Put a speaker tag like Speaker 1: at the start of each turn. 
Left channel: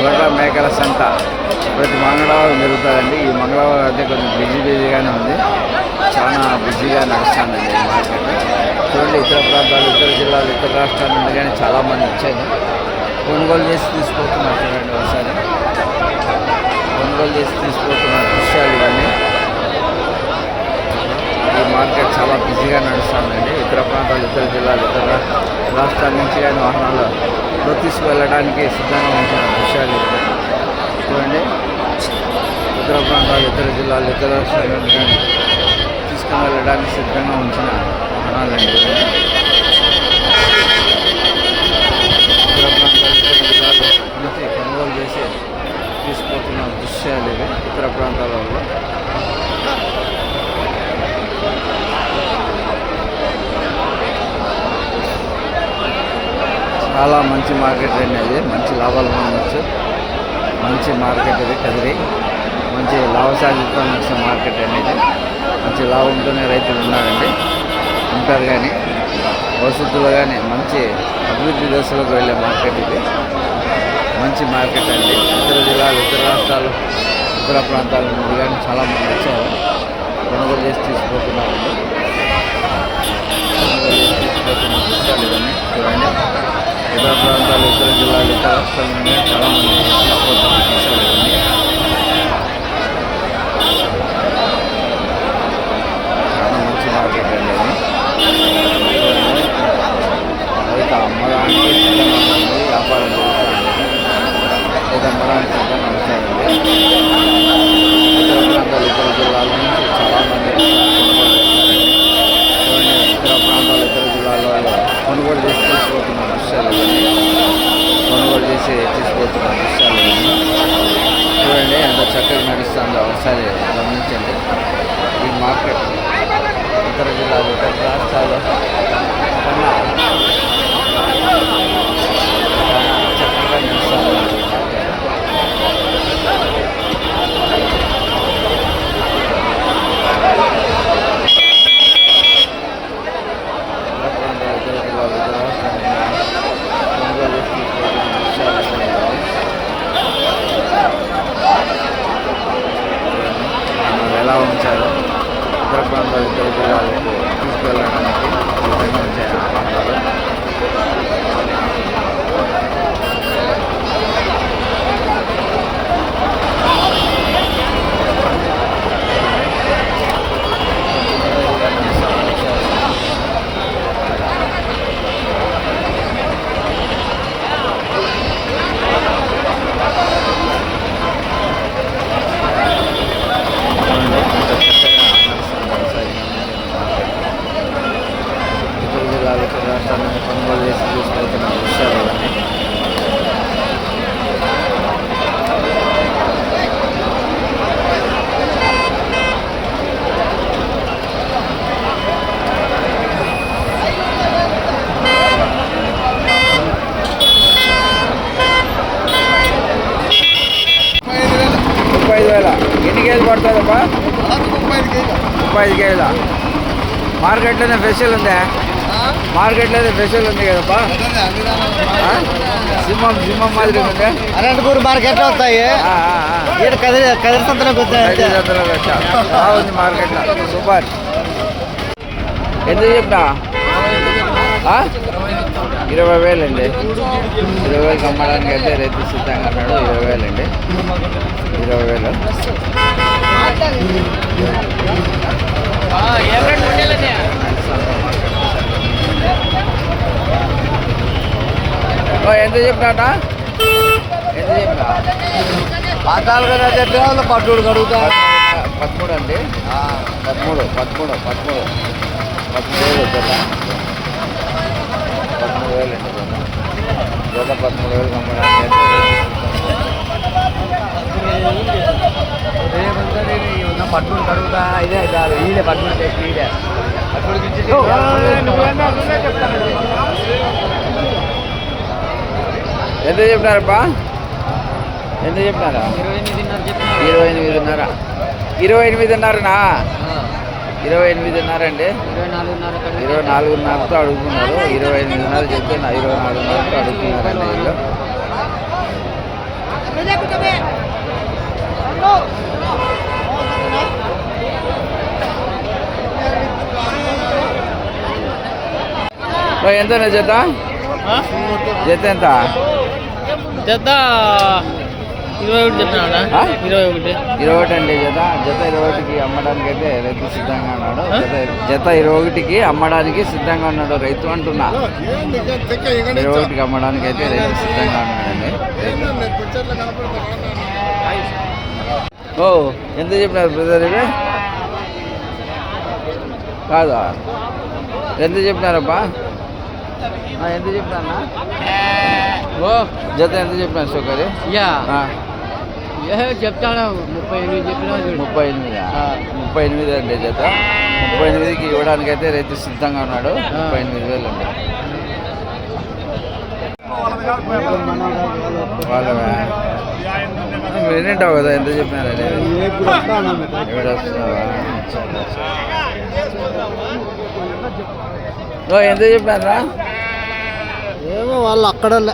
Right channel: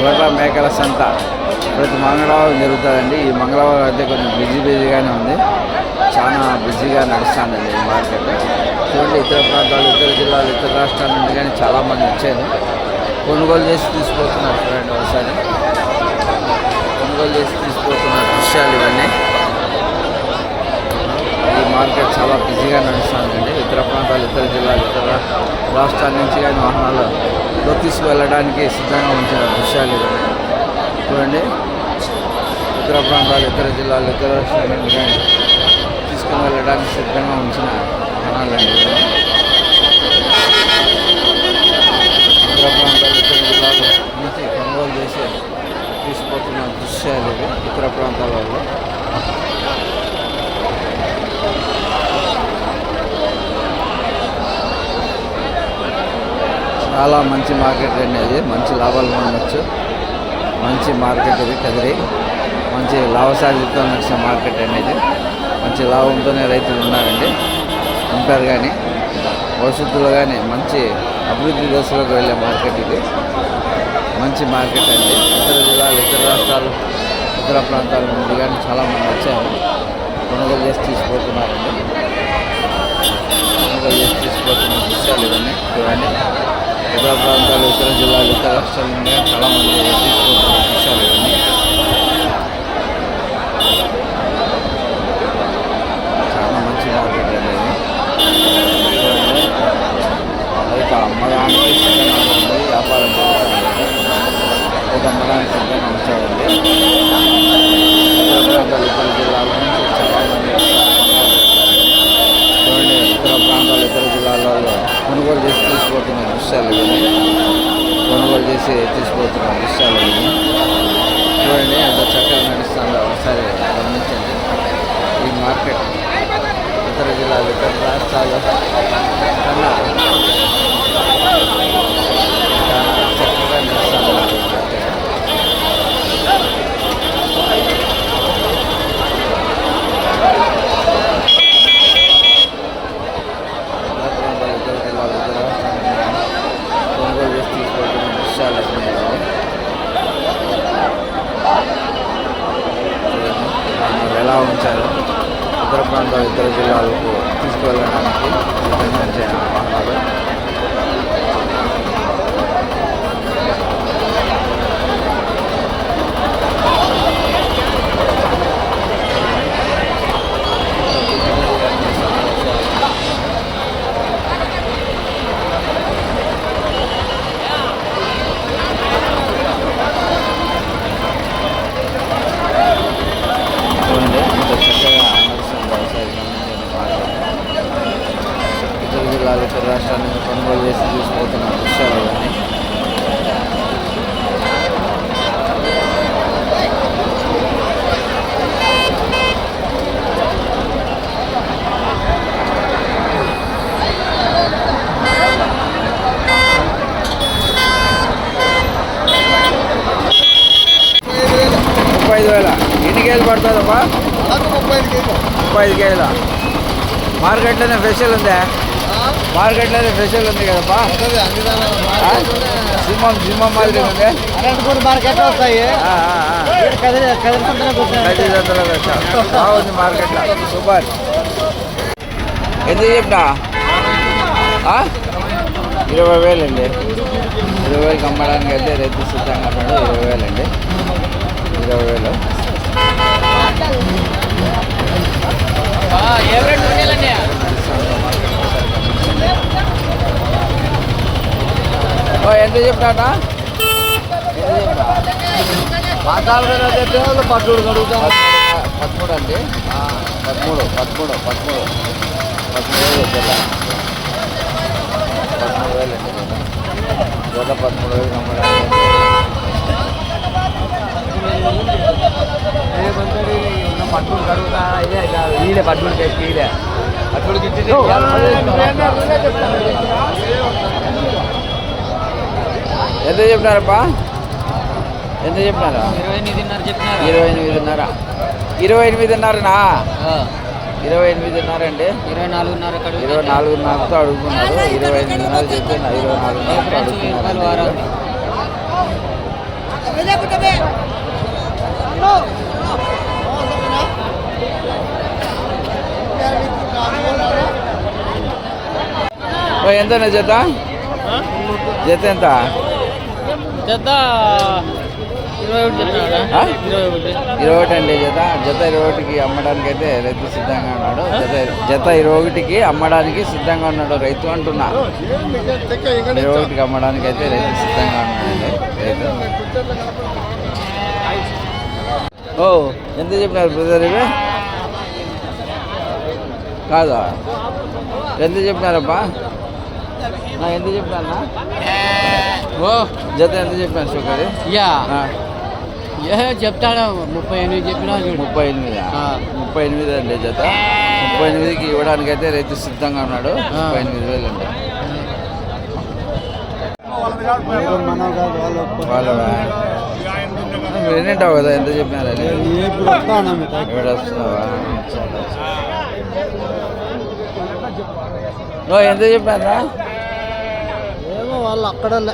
Speaker 1: గొర్రె మేకల సంత ప్రతి మంగళవారం జరుగుతుందండి. ఈ మంగళవారం అయితే కొంచెం బిజీ బిజీగానే ఉంది. చాలా బిజీగా నడుస్తుందండి ఈ మార్కెట్. చూడండి ఇతర ప్రాంతాలు ఇతర జిల్లాలు ఇతర రాష్ట్రాల నుండి కానీ చాలామంది వచ్చారు. కొనుగోలు చేసి తీసుకుపోతున్నారు చూడండి ఒకసారి. కొనుగోలు చేసి తీసుకుపోతున్న దృశ్యాలు ఇవన్నీ. ఈ మార్కెట్ చాలా బిజీగా నడుస్తుందండి. ఇతర ప్రాంతాలు ఇతర జిల్లాలు ఇతర రాష్ట్రాల నుంచి కానీ వాహనాలు లో తీసుకువెళ్ళడానికి సిద్ధంగా ఉంచిన దృశ్యాలు ఇవన్నీ చూడండి. ఇతర ప్రాంతాలు ఇతర జిల్లాలు ఇతర రాష్ట్రాలను కానీ తీసుకుని వెళ్ళడానికి సిద్ధంగా ఉంచిన వాహనాలండి ఇవన్నీ ఇతర ప్రాంతాలు ఇతర జిల్లాల నుంచి కొనుగోలు చేసి తీసుకుపోతున్న దృశ్యాలు ఇవి ఇతర ప్రాంతాల చాలా మంచి మార్కెట్ అండి అది. మంచి లాభాలు పొందొచ్చు. మంచి మార్కెట్ ఇది కదిరి. మంచి లాభసాధ్యత నడిచిన మార్కెట్ అండి ఇది. మంచి లాభంతోనే రైతులు ఉన్నారండి. ఉంటారు కానీ భవిష్యత్తులో కానీ మంచి అభివృద్ధి దశలోకి వెళ్ళే మార్కెట్ ఇది. మంచి మార్కెట్ అండి. ఇతర జిల్లాలు ఇతర రాష్ట్రాలు ఇతర ప్రాంతాల నుండి కానీ చాలామంది వచ్చారు. కొనుగోలు చేసి తీసుకుపోతున్నారండి. ఇతర ప్రాంతాలు ఇతర జిల్లాలు ఇతర రాష్ట్రాల నుండి చాలామంది తీసుకుపోతున్న దృశ్యాలు ఇవన్నీ. చాలా మంచి మార్కెట్ అండి ఇది. రైతు అమ్మడానికి సిద్ధంగా ఉంటుంది వ్యాపారం జరుగుతుంది. రైతు అమ్మడానికి సిద్ధంగా ఉంచారండి. ఇతర ప్రాంతాలు ఇతర జిల్లాల నుంచి చాలామంది కొనుగోలు చేస్తారండి. చూడండి ఇతర ప్రాంతాలు ఇతర జిల్లాలలో కొనుగోలు చేస్తూ తీసుకుపోతున్న దృశ్యాలు ఇవన్నీ. కొనుగోలు చేసి తీసుకుపోతున్న దృశ్యాలు ఇవన్నీ. చూడండి ఎంత చక్కగా నడుస్తుందో ఒకసారి గమనించండి. ఈ మార్కెట్ ఇతర జిల్లాలు ఇతర రాష్ట్రాలు కన్నా చాలా చక్కగా నడుస్తుంది ఈ మార్కెట్ ఇతర ప్రాంతాలు ఇతర జిల్లాలు ఇతర రాష్ట్రాలు కొనుగోలు చేసి తీసుకెళ్తున్న దృశ్యాలు ఎక్కడ చూడండి వాహనాలు ఎలా ఉంచారో ఇతర ప్రాంతాలు ఇతర జిల్లాలకు తీసుకువెళ్ళడానికి సిద్ధంగా వాహనాలు చూడండి ఎంత చక్కగా నడుస్తుంది ఒకసారి గమనించండి మార్కెట్ ఇతర జిల్లాలు ఇతర రాష్ట్రాల నుంచి కొనుగోలు చేసి తీసుకుపోతున్న దృశ్యాలు ఇవన్నీ ముప్పై ఐదు వేల ఎన్ని కేజీలు పడుతుందమ్మా
Speaker 2: ముప్పై ఐదు కేజీలు.
Speaker 1: మార్కెట్లోనే ఫెషల్ ఉందా? మార్కెట్లోనే ఫెషల్ ఉంది కదప్పా? ఆ? సింహం సింహం మాదిరి ఉంది?
Speaker 2: కదిరి సంతలోకి
Speaker 1: వచ్చా? బాగుంది మార్కెట్లో. సూపర్. ఎందుకు చెప్పినా? ఇరవై వేలండి. ఇరవై వేలకు అమ్మడానికి అయితే రైతు సిద్ధంగా అన్నాడు ఇరవై వేలండి. ఇరవై వేలు. ఎంత చెప్పాట ఎంత చెప్పినా పదమూడు పదమూడు అండి. పదమూడు పదమూడు పదమూడు. పదమూడు వేలు జత పదమూడు వేలు అండి జత. జత పదమూడు వేలు అమ్మడానికి ఇదే ఎంత చెప్పినారప్పా? ఎంత చెప్పినారా?
Speaker 2: ఇరవై ఎనిమిదిన్నర.
Speaker 1: ఇరవై ఎనిమిదిన్నరనా? ఇరవై ఎనిమిదిన్నర అండి.
Speaker 2: ఇరవై
Speaker 1: నాలుగున్నరతో అడుగుతున్నారు. ఇరవై ఎనిమిదిన్నర చెప్తే ఇరవై నాలుగున్నరతో అడుగుతున్నారండి వీళ్ళు ఓ, ఎంతనే జత? జత ఎంత?
Speaker 2: జత ఇరవై ఒకటి
Speaker 1: అండి జత. జత ఇరవై ఒకటికి అమ్మడానికి అయితే రైతు సిద్ధంగా ఉన్నాడు. జత జత ఇరవై ఒకటికి అమ్మడానికి సిద్ధంగా ఉన్నాడు రైతు అంటున్నా. ఇరవై ఒకటికి అమ్మడానికి అయితే రైతు సిద్ధంగా ఉన్నాడండి రైతు. ఓ ఎంత చెప్పినారు బ్రదర్ ఇవి? కాదా? ఎంత చెప్పినారబ్బా? ఆ, ఎంత చెప్పినా
Speaker 2: ఓ
Speaker 1: జత ఎంత చెప్పినారు సుఖది
Speaker 2: యా. చెప్తాడా ముప్పై ఎనిమిది చెప్పినా
Speaker 1: ముప్పై ఎనిమిది. ముప్పై ఎనిమిది అండి జత. ముప్పై ఎనిమిదికి ఇవ్వడానికి అయితే రైతు సిద్ధంగా ఉన్నాడు. ముప్పై ఎనిమిది వేలు అండి. వాళ్ళవా? వింటావు కదా? ఎంత చెప్పినారు అనేది ఇక్కడ వస్తున్నావా? ఎంత చెప్పారా
Speaker 2: వాళ్ళు అక్కడ
Speaker 1: అక్కడ